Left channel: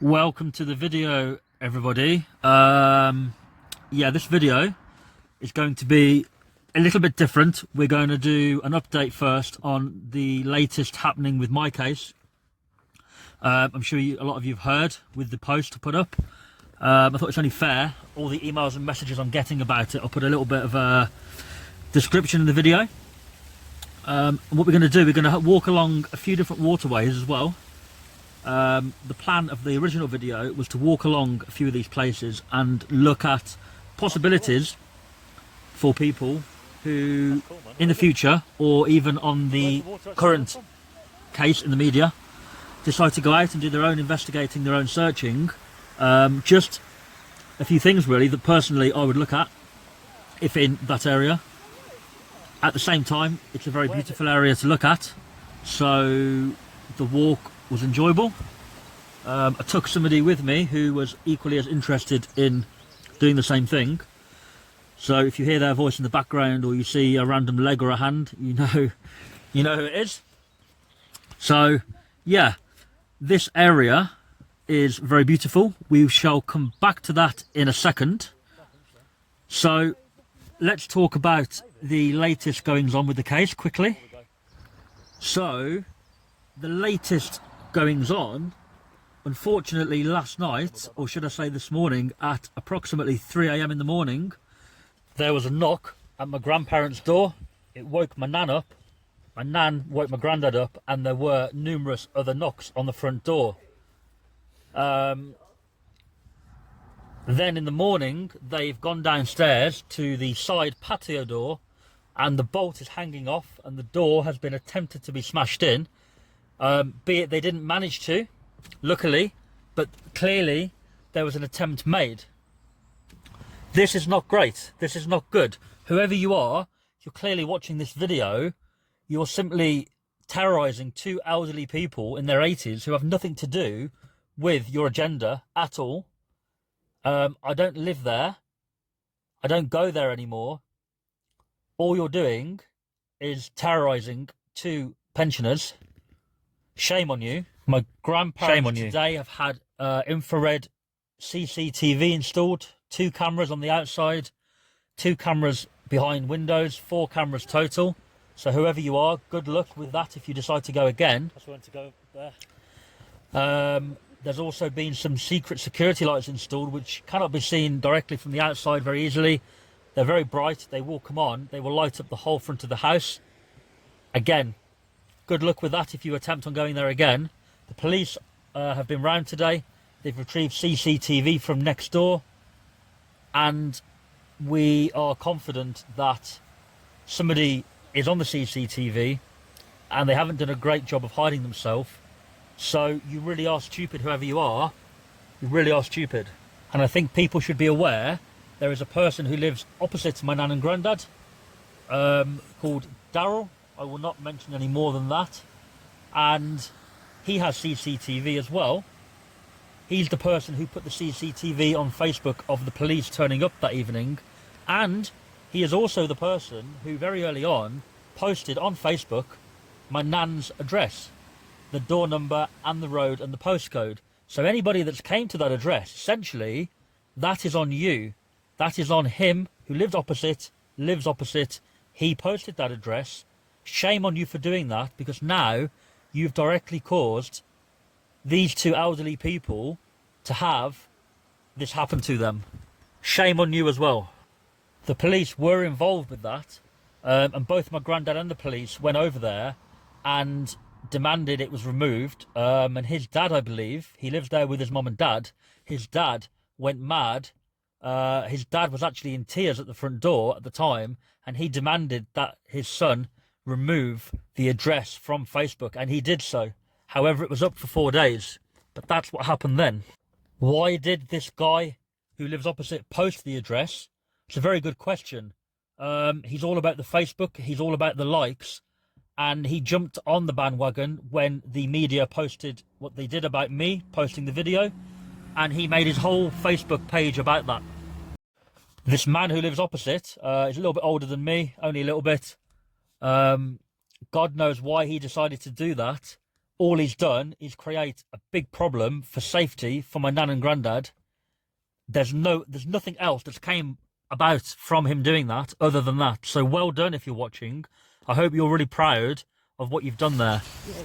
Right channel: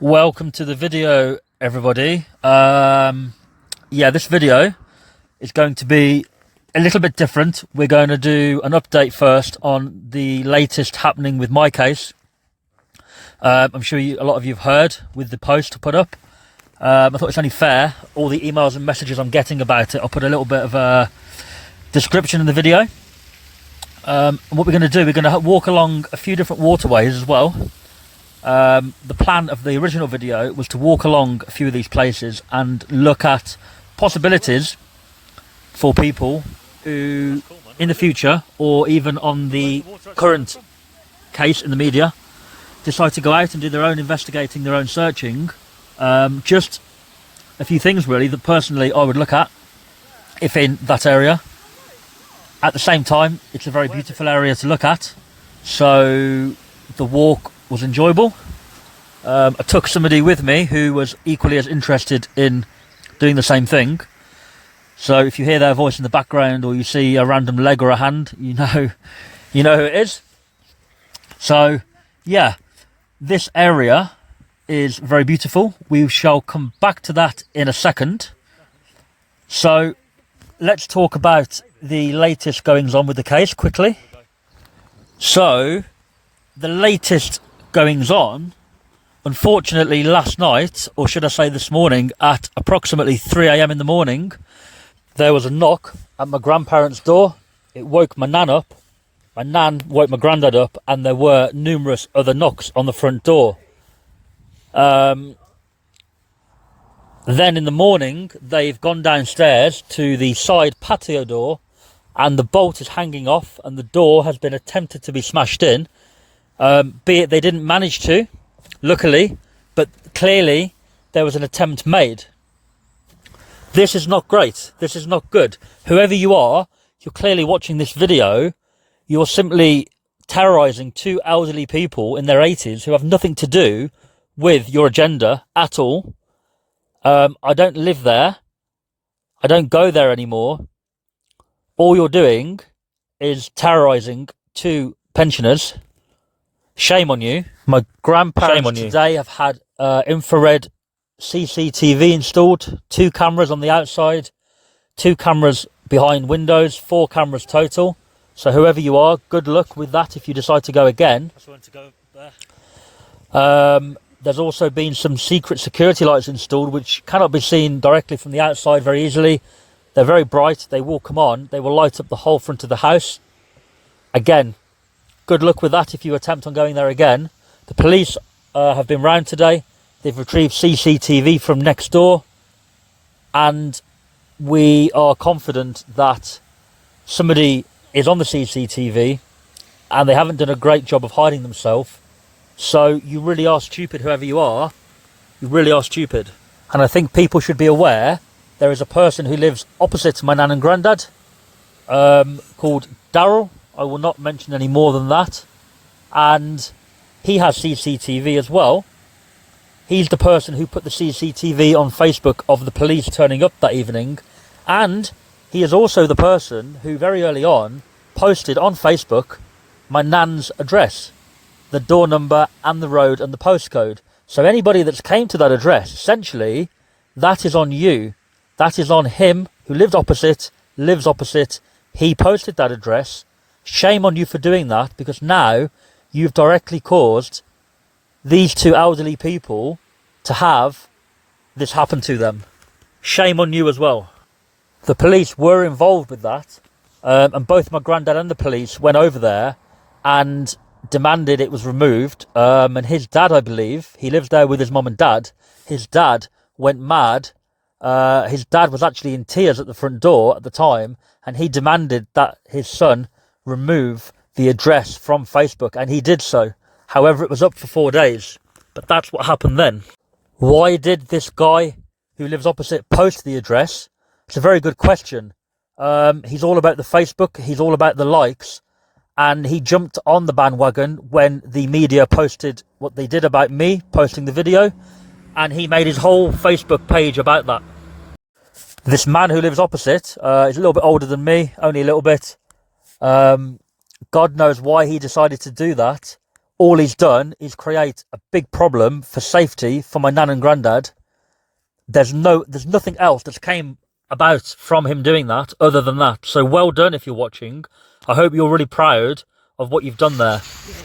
Welcome to the video, everybody. This video is going to be a little bit different. We're going to do an update first on the latest happening with my case. I'm sure a lot of you have heard with the post I put up. I thought it's only fair, all the emails and messages I'm getting about it, I'll put a little bit of a description in the video. And what we're going to do, we're going to walk along a few different waterways as well. The plan of the original video was to walk along a few of these places and look at possibilities for people who in the future, or even on the current case in the media, decide to go out and do their own investigating, their own searching. Just a few things really that personally I would look at if in that area. At the same time, it's a very beautiful area to look at, so the walk was enjoyable. I took somebody with me who was equally as interested in doing the same thing. So if you hear their voice in the background or you see a random leg or a hand, you know who it is. So yeah, this area is very beautiful. We shall come back to that in a second. So let's talk about the latest goings on with the case quickly. So the latest goings on, unfortunately last night, or should I say this morning, at approximately 3 AM in the morning, there was a knock at my grandparents' door. It woke my nan up, my nan woke my granddad up, and there were numerous other knocks on the front door. Then in the morning, they've gone downstairs to the side patio door, and the bolt is hanging off, and the door has been attempted to be smashed in. Be it they didn't manage to, luckily, but clearly there was an attempt made. This is not great. This is not good. Whoever you are, you're clearly watching this video. You're simply terrorising two elderly people in their 80s who have nothing to do with your agenda at all. I don't live there. I don't go there anymore. All you're doing is terrorising two pensioners. Shame on you. My grandparents today have had infrared CCTV installed, 2 cameras on the outside, 2 cameras behind windows, 4 cameras total. So whoever you are, good luck with that if you decide to go again. That's when to go there. There's also been some secret security lights installed which cannot be seen directly from the outside very easily. They're very bright, they will come on, they will light up the whole front of the house. Again, good luck with that if you attempt on going there again. The police have been round today. They've retrieved CCTV from next door. And we are confident that somebody is on the CCTV and they haven't done a great job of hiding themselves. So you really are stupid, whoever you are. You really are stupid. And I think people should be aware there is a person who lives opposite my nan and granddad called Daryl. I will not mention any more than that. And he has CCTV as well. He's the person who put the CCTV on Facebook of the police turning up that evening. And he is also the person who very early on posted on Facebook my nan's address, the door number and the road and the postcode. So anybody that's came to that address, essentially, that is on you. That is on him who lives opposite. He posted that address. Shame on you for doing that, because now you've directly caused these two elderly people to have this happen to them. Shame on you as well. The police were involved with that, and both my granddad and the police went over there and demanded it was removed. And his dad, I believe, he lives there with his mum and dad. His dad went mad. His dad was actually in tears at the front door at the time, and he demanded that his son remove the address from Facebook, and he did so. However, it was up for 4 days, but that's what happened then. Why did this guy who lives opposite post the address? It's a very good question. He's all about the Facebook, he's all about the likes, and he jumped on the bandwagon when the media posted what they did about me posting the video, and he made his whole Facebook page about that. This man who lives opposite is a little bit older than me, only a little bit. God knows why he decided to do that. all he's done is create a big problem for safety for my nan and granddad. There's nothing else that's came about from him doing that other than that. So well done if you're watching. I hope you're really proud of what you've done there. Yeah.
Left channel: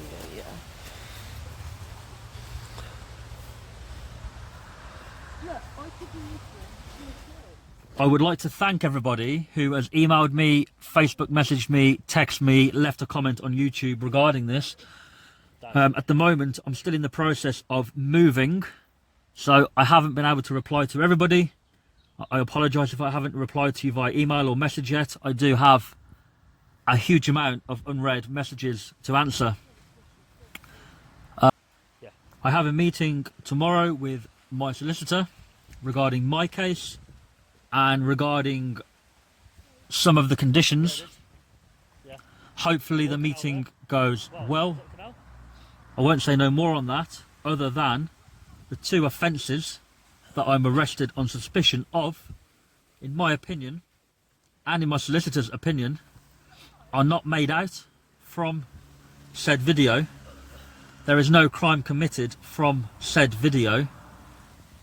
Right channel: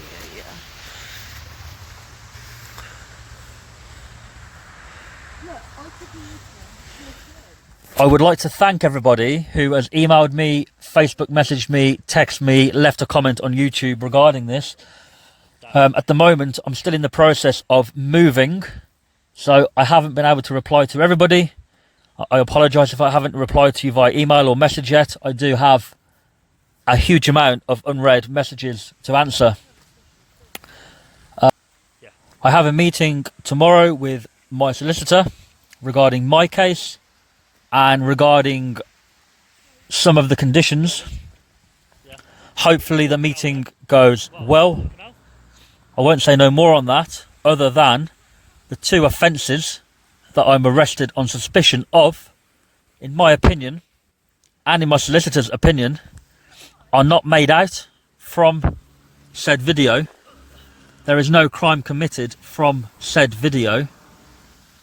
I would like to thank everybody who has emailed me, Facebook messaged me, texted me, left a comment on YouTube regarding this. At the moment, I'm still in the process of moving, so I haven't been able to reply to everybody. I apologise if I haven't replied to you via email or message yet. I do have a huge amount of unread messages to answer. I have a meeting tomorrow with my solicitor regarding my case and regarding some of the conditions. Hopefully the meeting goes well. I won't say no more on that, other than the 2 offences that I'm arrested on suspicion of, in my opinion, and in my solicitor's opinion, are not made out from said video. There is no crime committed from said video,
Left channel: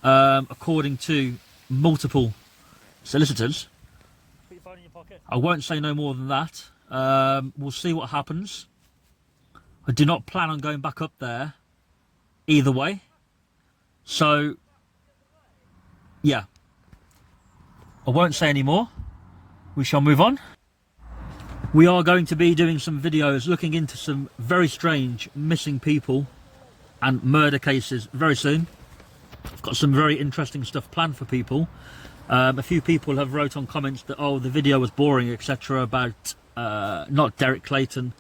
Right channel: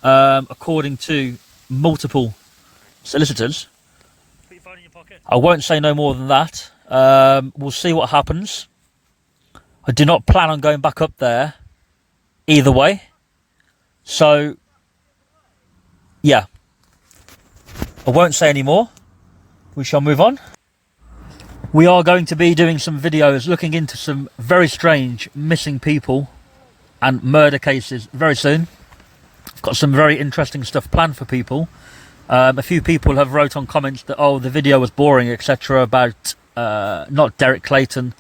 according to multiple solicitors. Put your phone in your pocket. I won't say no more than that. We'll see what happens. I do not plan on going back up there either way. So, yeah. I won't say any more. We shall move on. We are going to be doing some videos looking into some very strange missing people and murder cases very soon. I've got some very interesting stuff planned for people. A few people have wrote on comments that, oh, the video was boring, etc. about not Derek Clayton,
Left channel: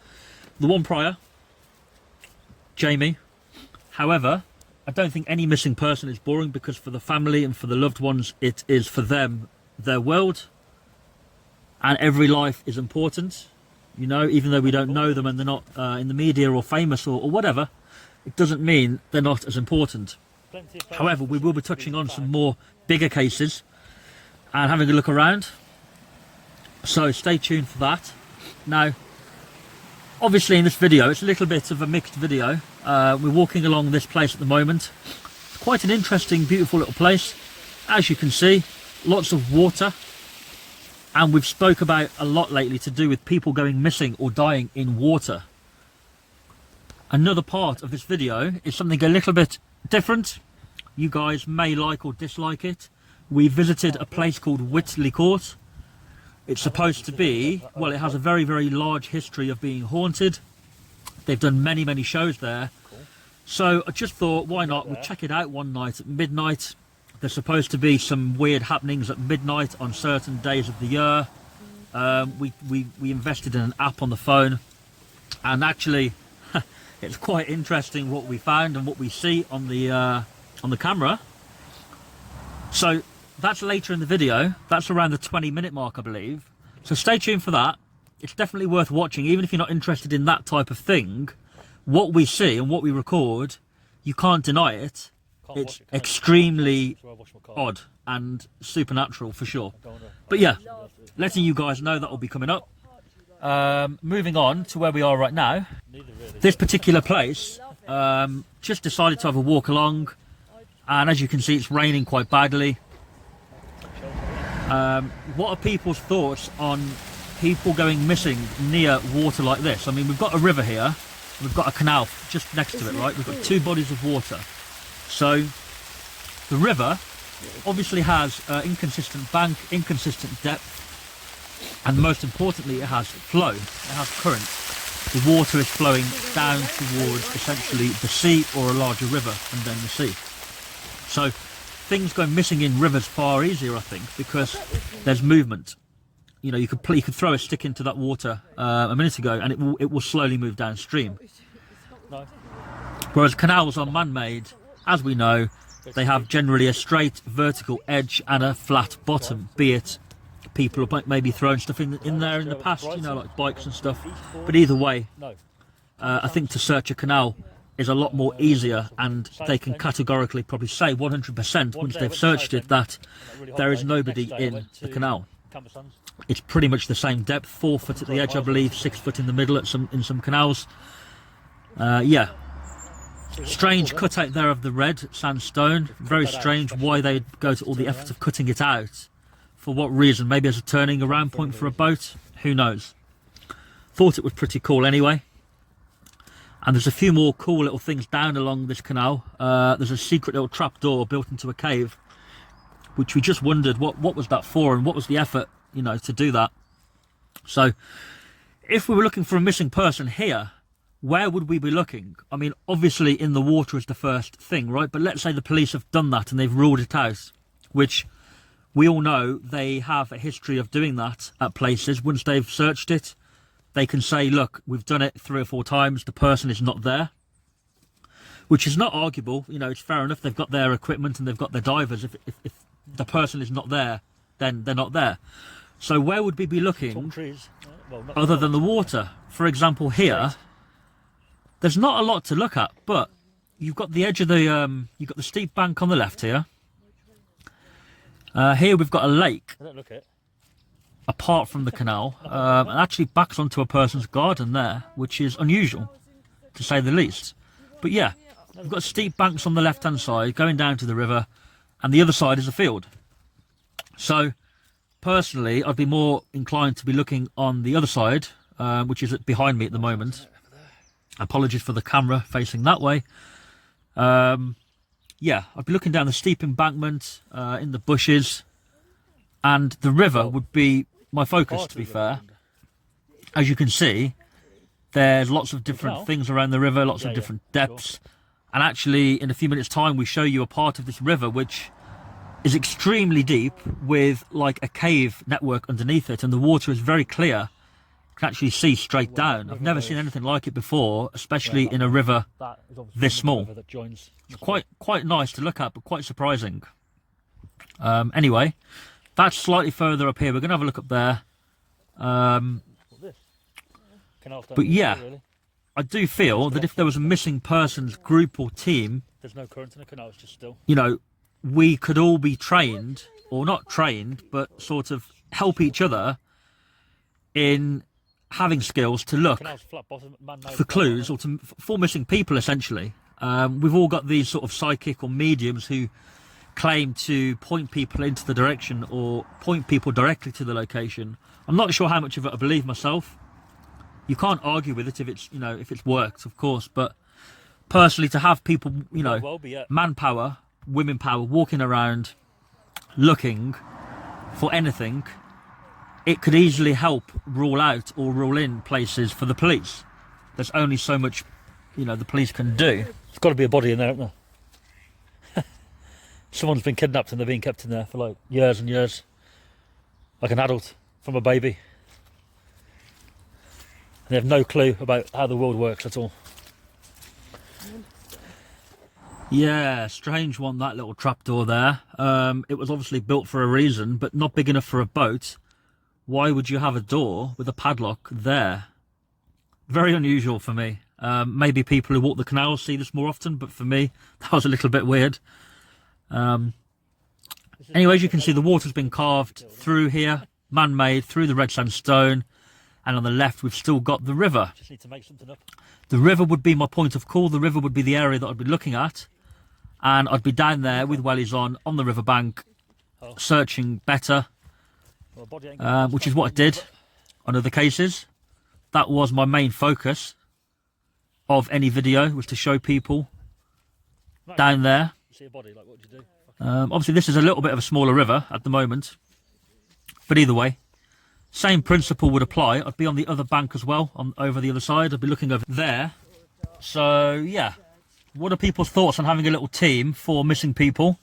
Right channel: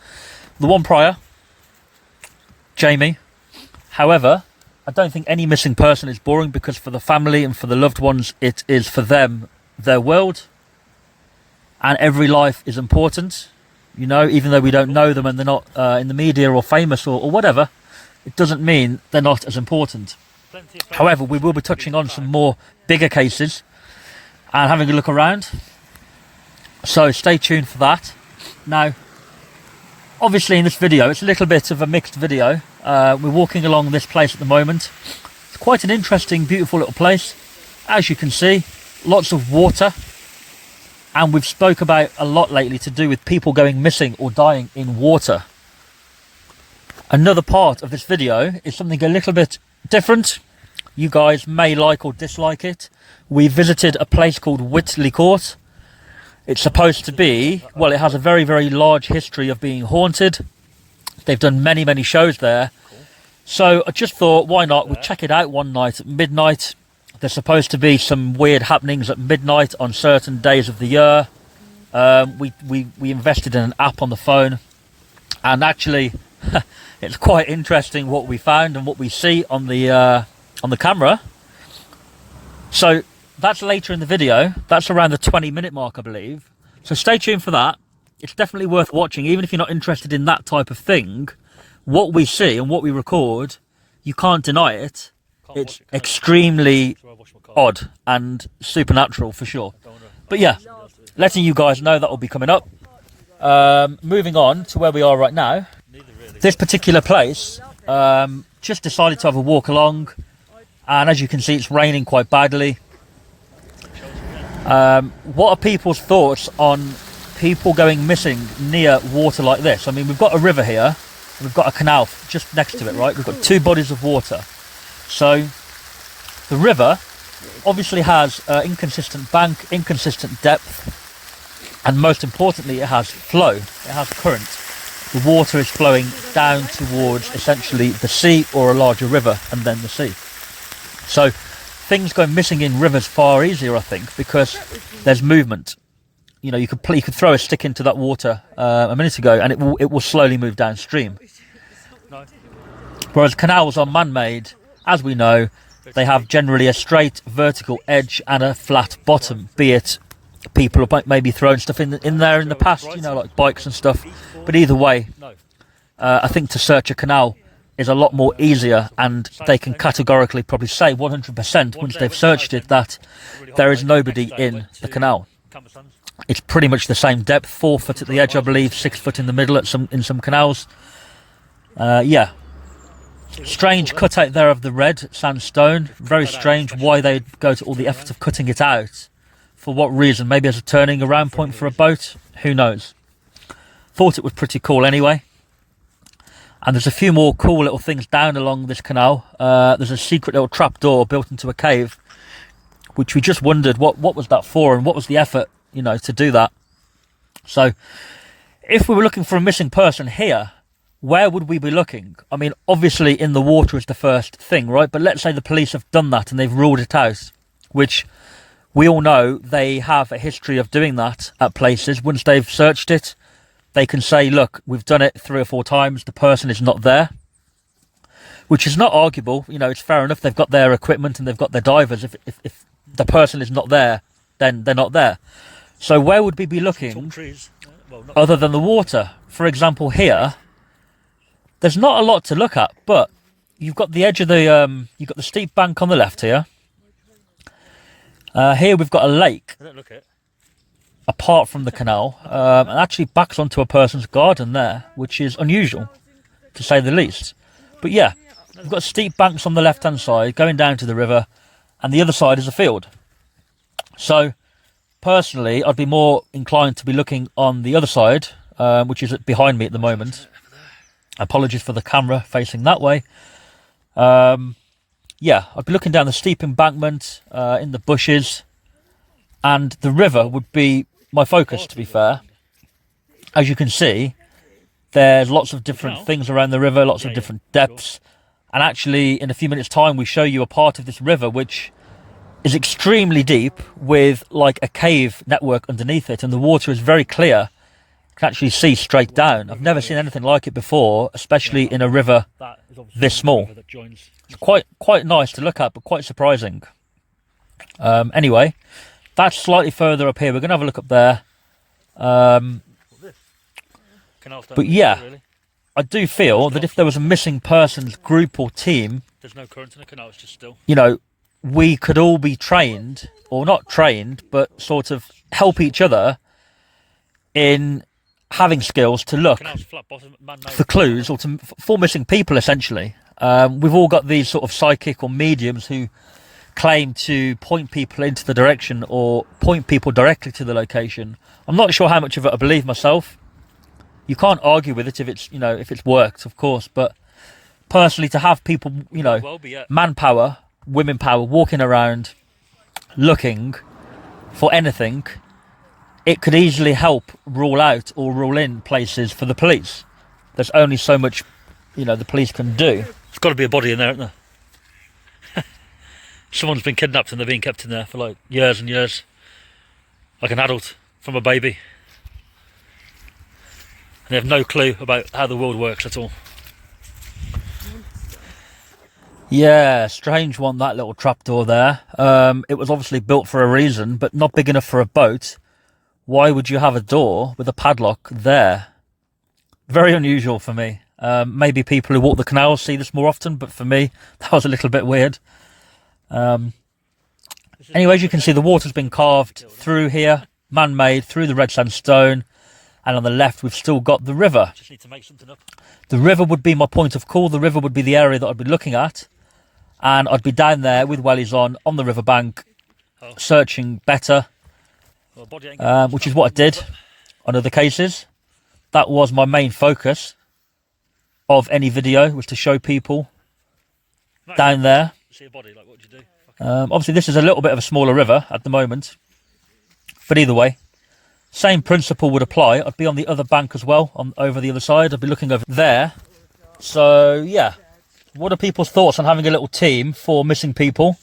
the one prior, Jamie. However, I don't think any missing person is boring, because for the family and for the loved ones, it is for them their world, and every life is important. You know, even though we don't know them and they're not in the media or famous or whatever, it doesn't mean they're not as important. However, we will be touching on some more bigger cases and having a look around, so stay tuned for that. Now, obviously in this video, it's a little bit of a mixed video. We're walking along this place at the moment. It's quite an interesting, beautiful little place. As you can see, lots of water, and we've spoke about a lot lately to do with people going missing or dying in water. Another part of this video is something a little bit different. You guys may like or dislike it. We visited a place called Whitley Court. It's supposed to be, well, it has a very, very large history of being haunted. They've done many, many shows there. So I just thought, why not? We'll check it out one night at midnight. There's supposed to be some weird happenings at midnight on certain days of the year. We invested in an app on the phone, and actually it's quite interesting what we found and what we see on the camera. So that's later in the video. That's around the 20-minute mark, I believe. So stay tuned for that. It's definitely worth watching, even if you're not interested in that type of thing. What we see and what we record, you can't deny it. It's extremely odd and supernatural for sure. But yeah, letting you guys know that will be coming up. Moving on to where we are right now. This particular place, just decided to have a walk along, and as you can see, it's raining quite badly. What are people's thoughts on people going missing near water like this? I mean, we've got a river here, and we've got a canal just next to it, right? We've got 2 bodies of water. So the river obviously has inconsistent bank, inconsistent depth, and most importantly, it has flow, it has current. The water is flowing down towards essentially the sea or a larger river, and then the sea. So things go missing in rivers far easier, I think, because there's movement. You know, you could throw a stick into that water a minute ago, and it will slowly move downstream. Whereas canals are man-made, as we know. They have generally a straight vertical edge and a flat bottom, be it people have maybe thrown stuff in there in the past, you know, like bikes and stuff. But either way, I think to search a canal is a lot more easier, and they can categorically probably say 100% once they've searched it that there is nobody in the canal. It's pretty much the same depth, 4 foot at the edge, I believe, 6 foot in the middle in some canals. Yeah, Strange cutout there of the red sandstone. Very strange why they'd go to all the efforts of cutting it out. For what reason? Maybe as a turning around point for a boat? Who knows? Thought it was pretty cool anyway. And there's a few more cool little things down along this canal. There's a secret little trapdoor built into a cave, which we just wondered what was that for and what was the effort, you know, to do that. So if we were looking for a missing person here, where would we be looking? I mean, obviously in the water is the first thing, right? But let's say the police have done that and they've ruled it out, which we all know they have a history of doing that at places. Once they've searched it, they can say, look, we've done it 3 or 4 times, the person is not there, which is not arguable. You know, it's fair enough. They've got their equipment and they've got their divers. If the person is not there, then they're not there. So where would we be looking other than the water? For example, here, there's not a lot to look at, but you've got the edge of the, you've got the steep bank on the left here. Here we've got a lake. I don't look at. Apart from the canal, and actually backs onto a person's garden there, which is unusual, to say the least. But yeah, we've got steep banks on the left-hand side going down to the river, and the other side is a field. So, personally, I'd be more inclined to be looking on the other side, which is behind me at the moment. Apologies for the camera facing that way. Yeah, I'd be looking down the steep embankment, in the bushes, and the river would be my focus, to be fair. As you can see, there's lots of different things around the river, lots of different depths. And actually, in a few minutes' time, we show you a part of this river which is extremely deep with like a cave network underneath it. And the water is very clear. You can actually see straight down. I've never seen anything like it before, especially in a river this small. It's quite nice to look at, but quite surprising. Anyway, that's slightly further up here. We're going to have a look up there. But yeah, I do feel that if there was a missing persons group or team, there's no current in the canal, it's just still. You know, we could all be trained, or not trained, but sort of help each other in having skills to look for clues or for missing people, essentially. We've all got these sort of psychic or mediums who claim to point people into the direction or point people directly to the location. I'm not sure how much of it I believe myself. You can't argue with it if it's, you know, if it's worked, of course, but personally, to have people, you know, manpower, women power, walking around looking for anything, it could easily help rule out or rule in places for the police. There's only so much, you know, the police can do. There's got to be a body in there, isn't there? Someone's been kidnapped and they're being kept in there for like years and years. Like an adult from a baby. And they have no clue about how the world works at all. Yeah, strange one, that little trapdoor there. It was obviously built for a reason, but not big enough for a boat. Why would you have a door with a padlock there? Very unusual for me. Maybe people who walk the canal see this more often, but for me, that was a little bit weird. Anyway, as you can see, the water's been carved through here, man-made, through the red sandstone, and on the left we've still got the river. Just need to make something up. The river would be my point of call. The river would be the area that I'd be looking at, and I'd be down there with wellies on the riverbank, searching better, which is what I did on other cases. That was my main focus of any video, was to show people down there. See a body, like what would you do? Obviously this is a little bit of a smaller river at the moment, but either way, same principle would apply. I'd be on the other bank as well, over the other side. I'd be looking over there. So yeah, what are people's thoughts on having a little team for missing people?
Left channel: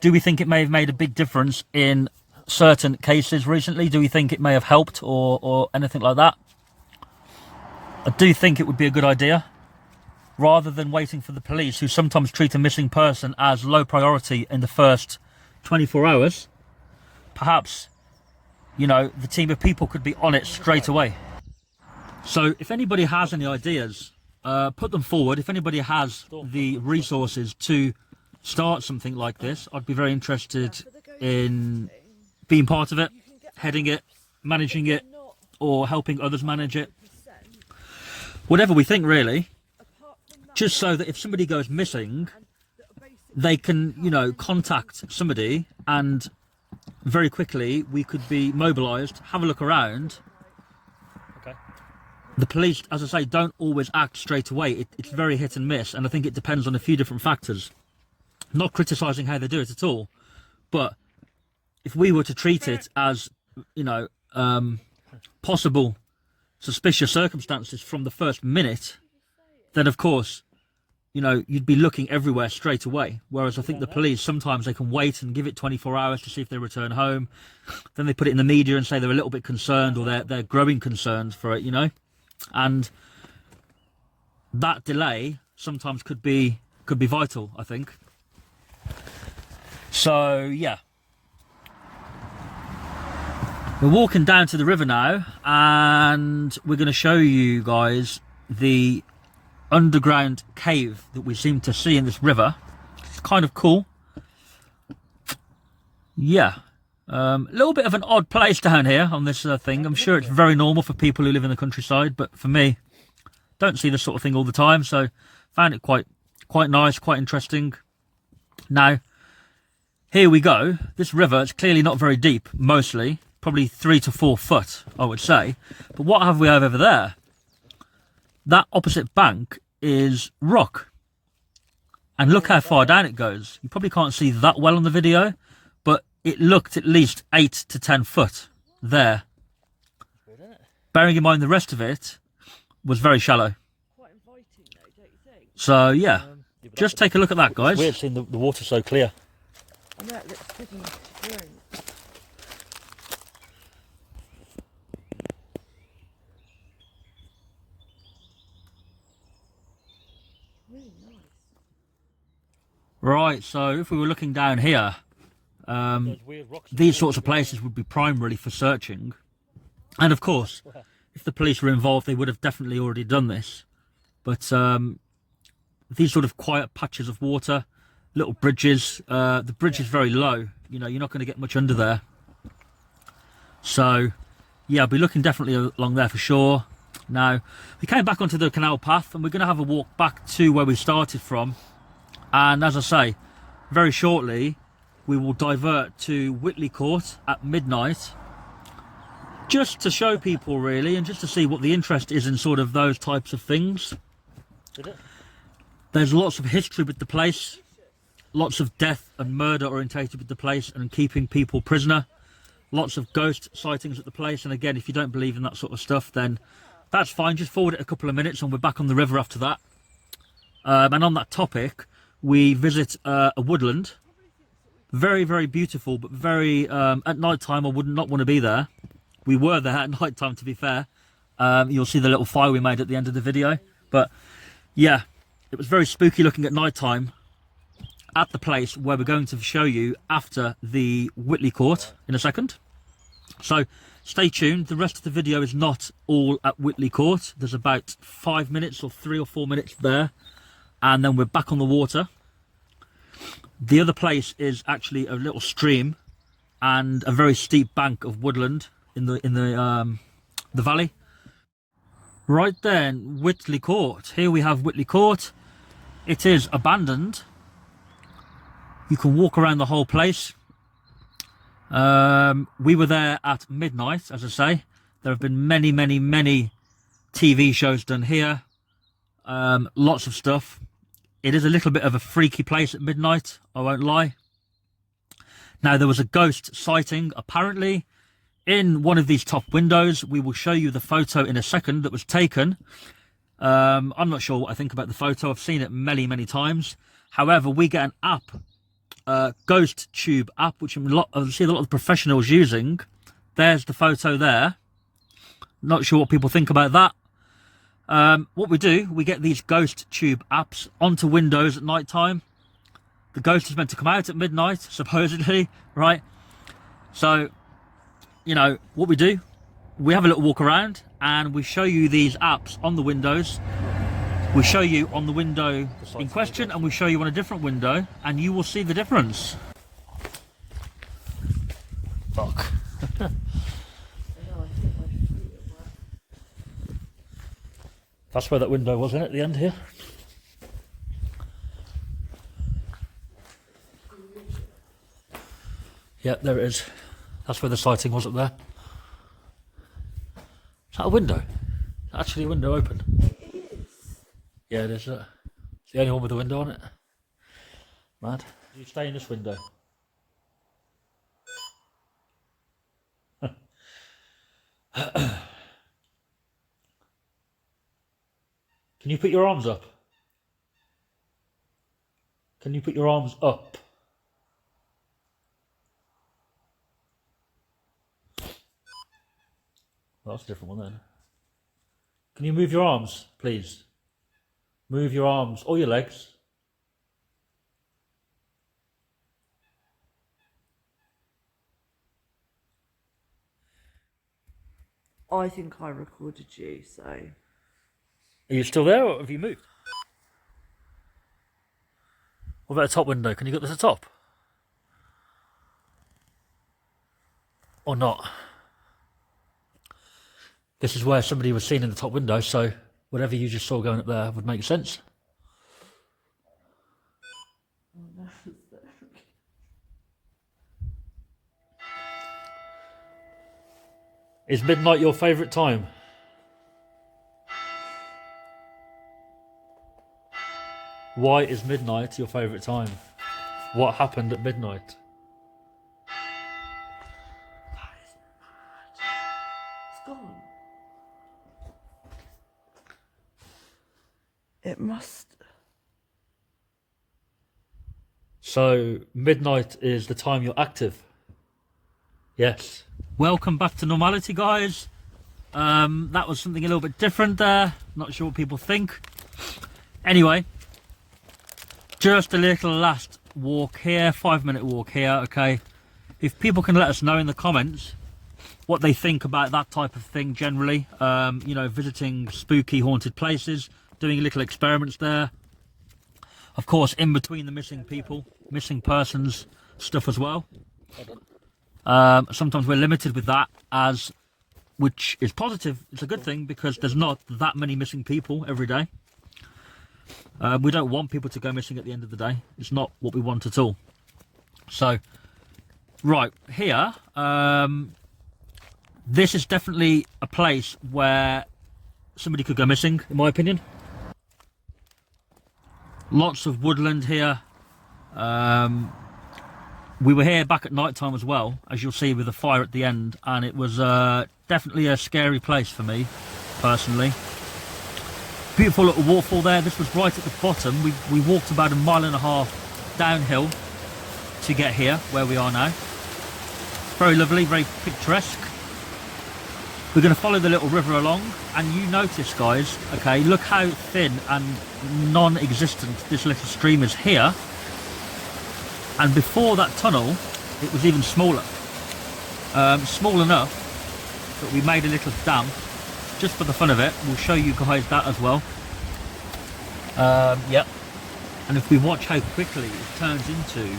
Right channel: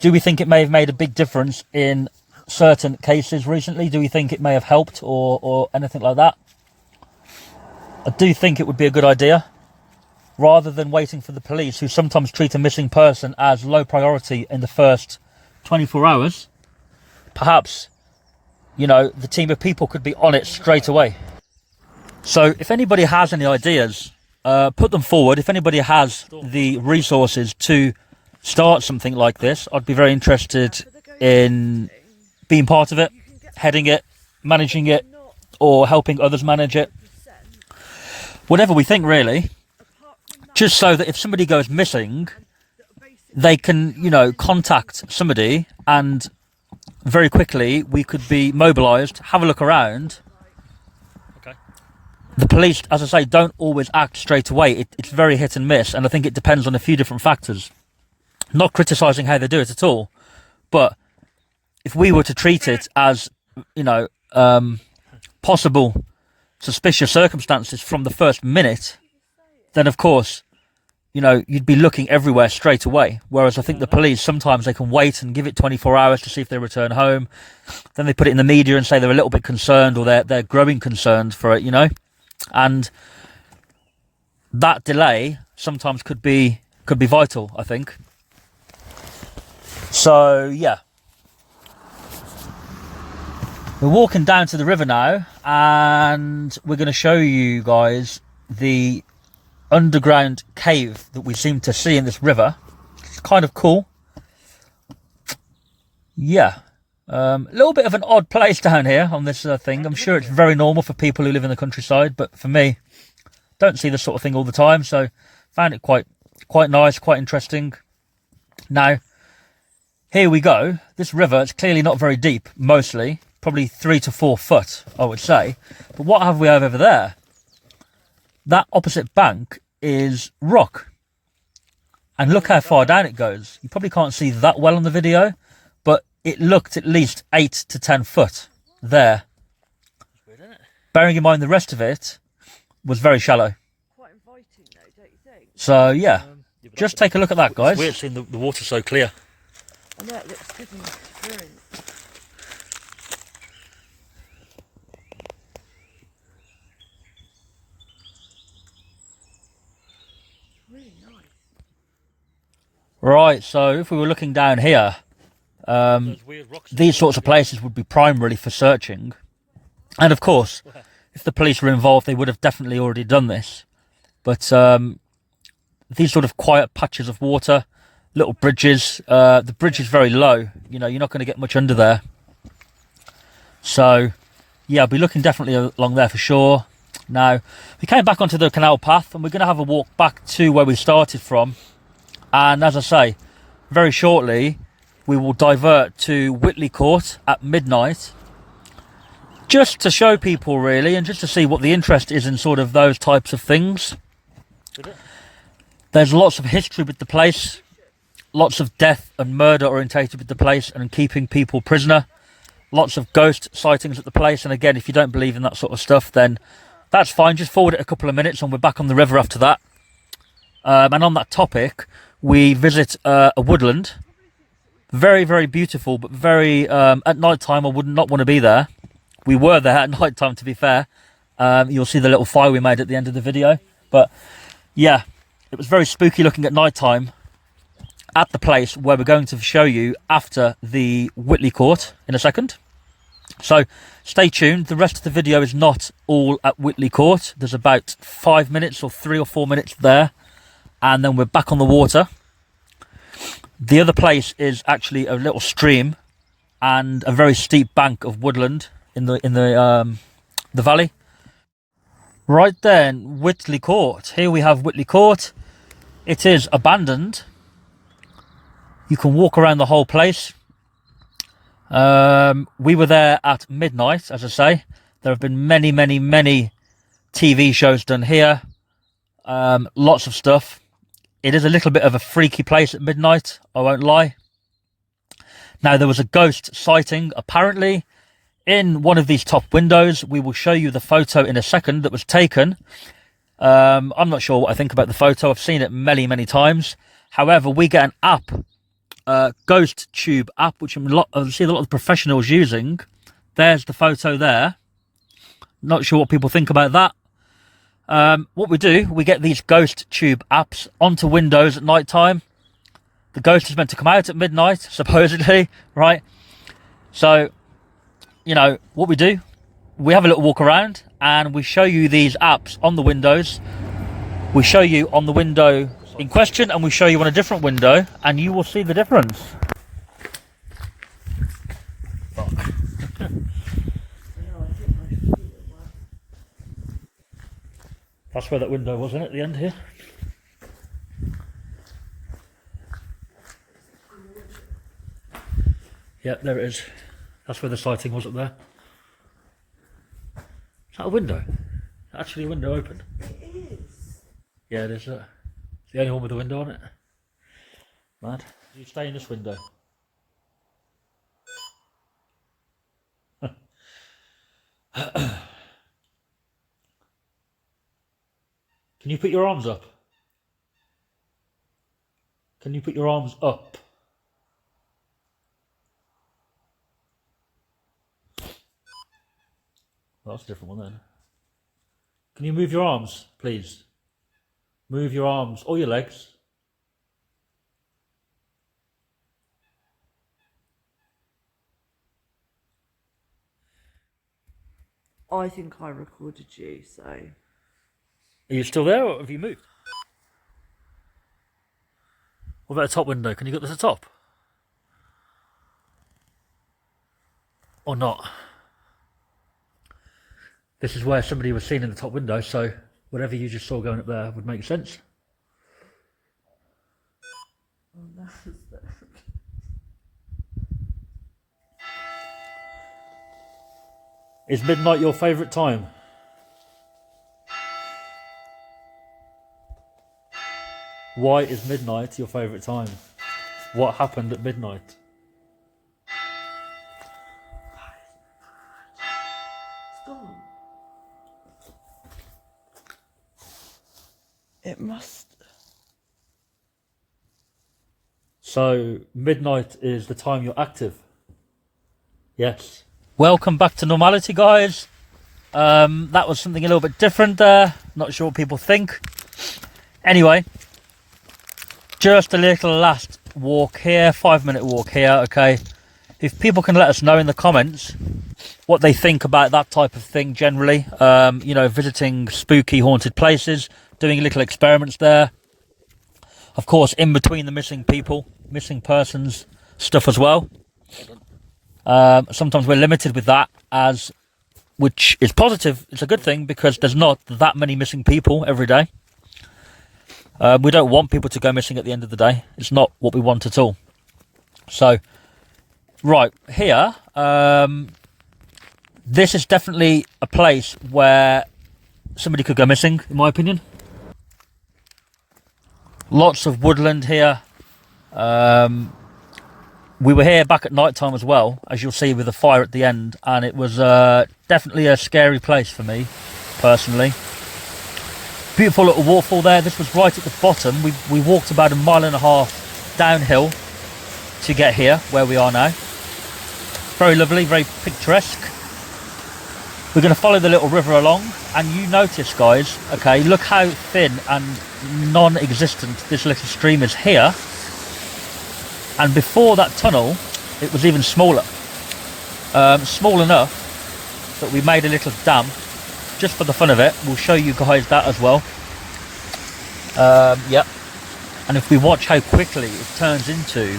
Do we think it may have made a big difference in certain cases recently? Do we think it may have helped or anything like that? I do think it would be a good idea, rather than waiting for the police, who sometimes treat a missing person as low priority in the first 24 hours. Perhaps, you know, the team of people could be on it straight away. So if anybody has any ideas, put them forward. If anybody has the resources to start something like this, I'd be very interested in being part of it, heading it, managing it, or helping others manage it. Whatever we think, really. just so that if somebody goes missing, they can, you know, contact somebody, and very quickly we could be mobilised, have a look around. Okay. The police, as I say, don't always act straight away. It's very hit and miss, and I think it depends on a few different factors. Not criticising how they do it at all, but if we were to treat it as, you know, possible suspicious circumstances from the first minute, then of course, you know, you'd be looking everywhere straight away. Whereas I think the police, sometimes they can wait and give it 24 hours to see if they return home. Then they put it in the media and say they're a little bit concerned, or they're growing concerned for it, you know. And that delay sometimes could be vital, I think. So yeah, we're walking down to the river now, and we're going to show you guys the underground cave that we seem to see in this river. It's kind of cool. Yeah, a little bit of an odd place down here on this thing. I'm sure it's very normal for people who live in the countryside, but for me, don't see this sort of thing all the time, so found it quite nice, quite interesting. Now, here we go. This river is clearly not very deep, mostly probably 3 to 4 foot, I would say. But what have we over there? That opposite bank is rock, and look how far down it goes. You probably can't see that well on the video, but it looked at least 8 to 10 foot there. Weird, isn't it? Bearing in mind the rest of it was very shallow. Quite inviting though, don't you think? So yeah, just take a look at that, guys. It's weird seeing the water so clear. And that looks good and brilliant. Really nice. Right, so if we were looking down here, Those weird rocks. these sorts of places would be primarily for searching. And of course, if the police were involved, they would have definitely already done this. But these sort of quiet patches of water, little bridges, the bridge is very low. You know, you're not going to get much under there. So, yeah, I'll be looking definitely along there for sure. Now, we came back onto the canal path, and we're going to have a walk back to where we started from. And as I say, very shortly, we will divert to Whitley Court at midnight, just to show people really, and just to see what the interest is in sort of those types of things. There's lots of history with the place, lots of death and murder orientated with the place and keeping people prisoner, lots of ghost sightings at the place. And again, if you don't believe in that sort of stuff, then that's fine, just forward it a couple of minutes and we're back on the river after that. And on that topic, we visit a woodland. Very, very beautiful, but very, at night time, I would not want to be there. We were there at night time, to be fair. You'll see the little fire we made at the end of the video. But yeah, it was very spooky looking at night time at the place where we're going to show you after the Whitley Court in a second. So stay tuned. The rest of the video is not all at Whitley Court. There's about 5 minutes or 3 or 4 minutes there, and then we're back on the water. The other place is actually a little stream and a very steep bank of woodland in the valley. Right then, Whitley Court. Here we have Whitley Court. It is abandoned. You can walk around the whole place. We were there at midnight, as I say. There have been many, many, many TV shows done here. Lots of stuff. It is a little bit of a freaky place at midnight, I won't lie. Now, there was a ghost sighting, apparently, in one of these top windows. We will show you the photo in a second that was taken. I'm not sure what I think about the photo. I've seen it many, many times. However, we get an app, Ghost Tube app, which I see a lot of professionals using. There's the photo there. Not sure what people think about that. What we do, we get these Ghost Tube apps onto Windows at night time. The ghost is meant to come out at midnight, supposedly, right? So, you know, what we do, we have a little walk around and we show you these apps on the windows. We show you on the window in question and we show you on a different window, and you will see the difference. Fuck. That's where that window was, isn't it, at the end here? Yeah, there it is. That's where the sighting was up there. Is that a window? Is that actually a window open? It is. Yeah, it is. It's the only one with a window on it. Mad. Do you stay in this window? Can you put your arms up? Can you put your arms up? Well, that's a different one then. Can you move your arms, please? Move your arms or your legs. I think I recorded you, so. Are you still there or have you moved? What about the top window? Can you get to the top? Or not? This is where somebody was seen in the top window, so whatever you just saw going up there would make sense. Is midnight your favourite time? Why is midnight your favourite time? What happened at midnight? It's gone. It must. So, midnight is the time you're active? Yes. Welcome back to normality, guys. That was something a little bit different there. Not sure what people think. Anyway, just a little last walk here, 5-minute walk here, okay? If people can let us know in the comments what they think about that type of thing generally, you know, visiting spooky haunted places, doing little experiments there. Of course, in between the missing people, missing persons stuff as well. Sometimes we're limited with that, which is positive. It's a good thing because there's not that many missing people every day. We don't want people to go missing at the end of the day. It's not what we want at all. So, right here, this is definitely a place where somebody could go missing, in my opinion. Lots of woodland here. We were here back at night time as well, as you'll see with the fire at the end, and it was definitely a scary place for me, personally. Beautiful little waterfall there. This was right at the bottom. We walked about 1.5 miles downhill to get here, where we are now. Very lovely, very picturesque. We're going to follow the little river along, and you notice, guys, okay, look how thin and non-existent this little stream is here. And before that tunnel, it was even smaller. Small enough that we made a little dam, just for the fun of it. We'll show you guys that as well. Yep. And if we watch how quickly it turns into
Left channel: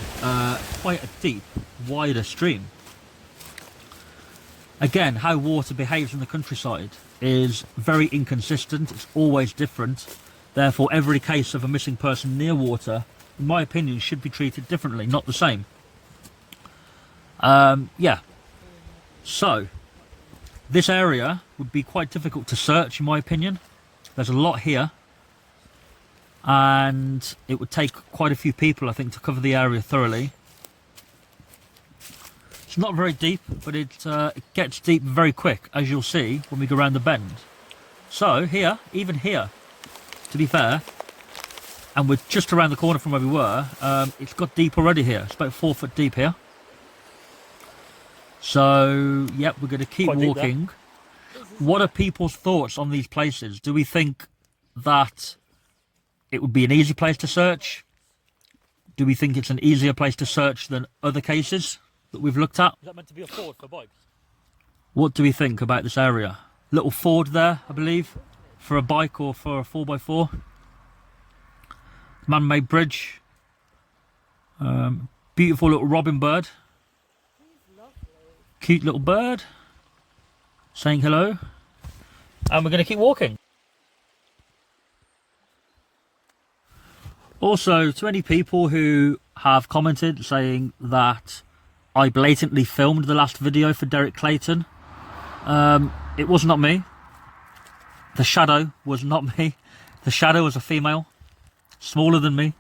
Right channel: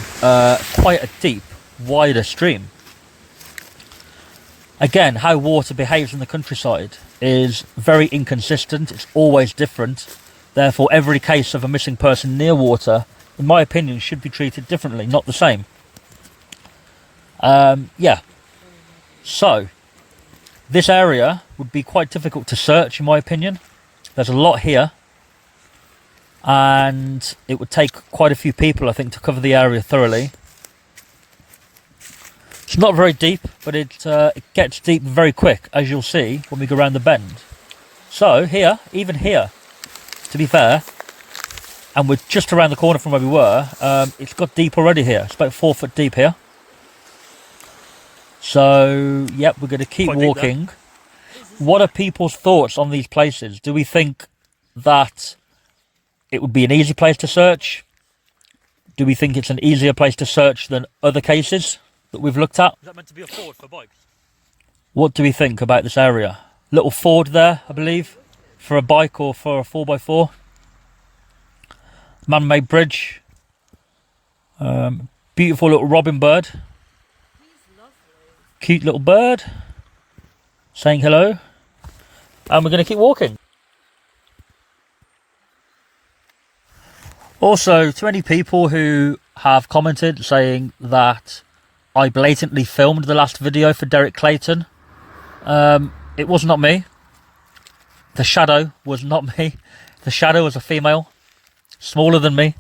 quite a deep, wider stream. Again, how water behaves in the countryside is very inconsistent. It's always different. Therefore, every case of a missing person near water, in my opinion, should be treated differently, not the same. Yeah. So, this area would be quite difficult to search, in my opinion. There's a lot here. And it would take quite a few people, I think, to cover the area thoroughly. It's not very deep, but it gets deep very quick, as you'll see when we go around the bend. So, here, even here, to be fair, and we're just around the corner from where we were, it's got deep already here. It's about 4 foot deep here. So, yep, we're going to keep walking. What are people's thoughts on these places? Do we think that it would be an easy place to search? Do we think it's an easier place to search than other cases that we've looked at? Is that meant to be a ford for bikes? What do we think about this area? Little ford there, I believe, for a bike or for a 4x4. Man-made bridge. Beautiful little robin bird. He's lovely. Cute little bird. Saying hello. And we're going to keep walking. Also, to any people who have commented saying that I blatantly filmed the last video for Derek Clayton. It was not me. The shadow was not me. The shadow was a female, smaller than me.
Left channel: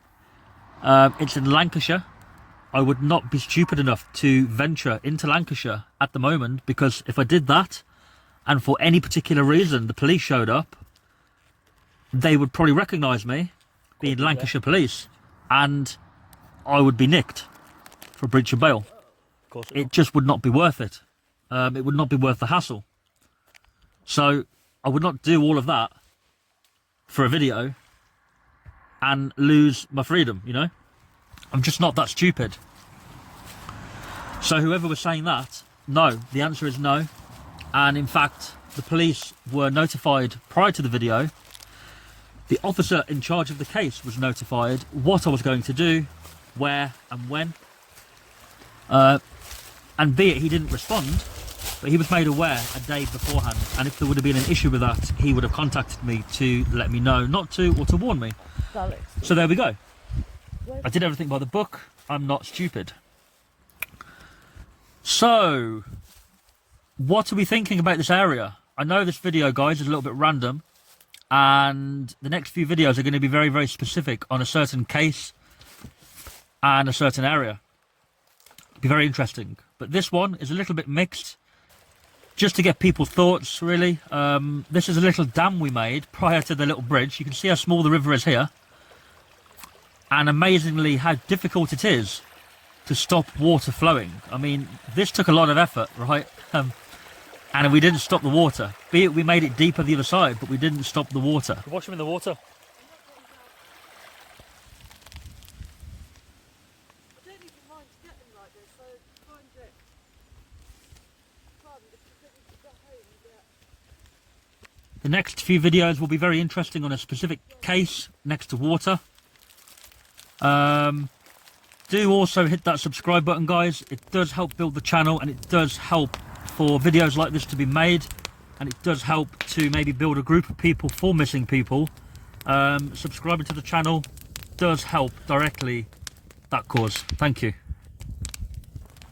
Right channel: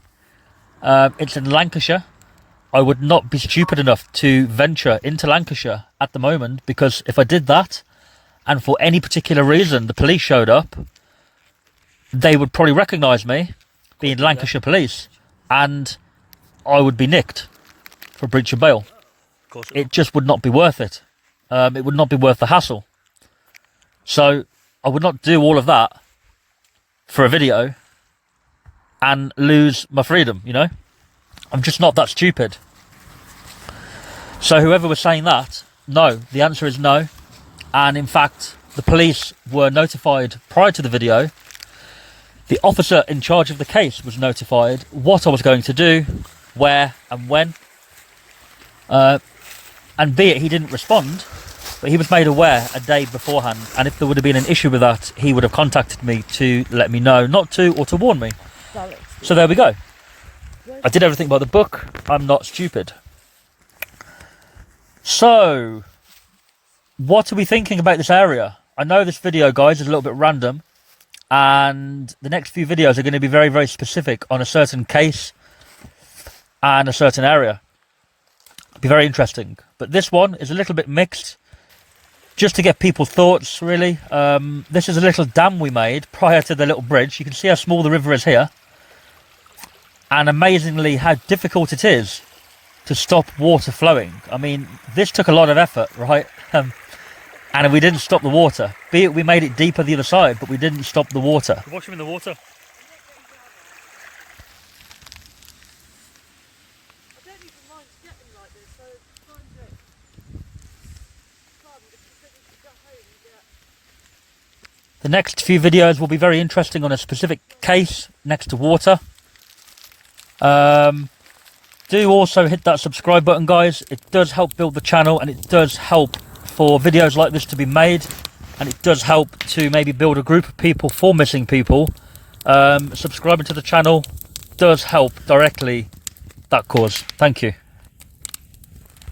It's in Lancashire. I would not be stupid enough to venture into Lancashire at the moment, because if I did that, and for any particular reason the police showed up, they would probably recognise me, being Lancashire police, and I would be nicked for breach of bail. Of course It just would not be worth it. It would not be worth the hassle. So I would not do all of that for a video and lose my freedom, you know? I'm just not that stupid. So whoever was saying that, no, the answer is no. And in fact, the police were notified prior to the video. The officer in charge of the case was notified what I was going to do, where and when. And be it he didn't respond, but he was made aware a day beforehand. And if there would have been an issue with that, he would have contacted me to let me know not to, or to warn me. So there we go. I did everything by the book. I'm not stupid. So, what are we thinking about this area? I know this video, guys, is a little bit random, and the next few videos are going to be very, very specific on a certain case and a certain area. It'll be very interesting. But this one is a little bit mixed, just to get people's thoughts, really. This is a little dam we made prior to the little bridge. You can see how small the river is here. And amazingly how difficult it is to stop water flowing. I mean, this took a lot of effort, right? And we didn't stop the water. Be it we made it deeper the other side, but we didn't stop the water. Wash him in the water. The next few videos will be very interesting on a specific case next to water. Do also hit that subscribe button, guys. It does help build the channel, and it does help for videos like this to be made, and it does help to maybe build a group of people for missing people. Subscribing to the channel does help directly that cause. Thank you.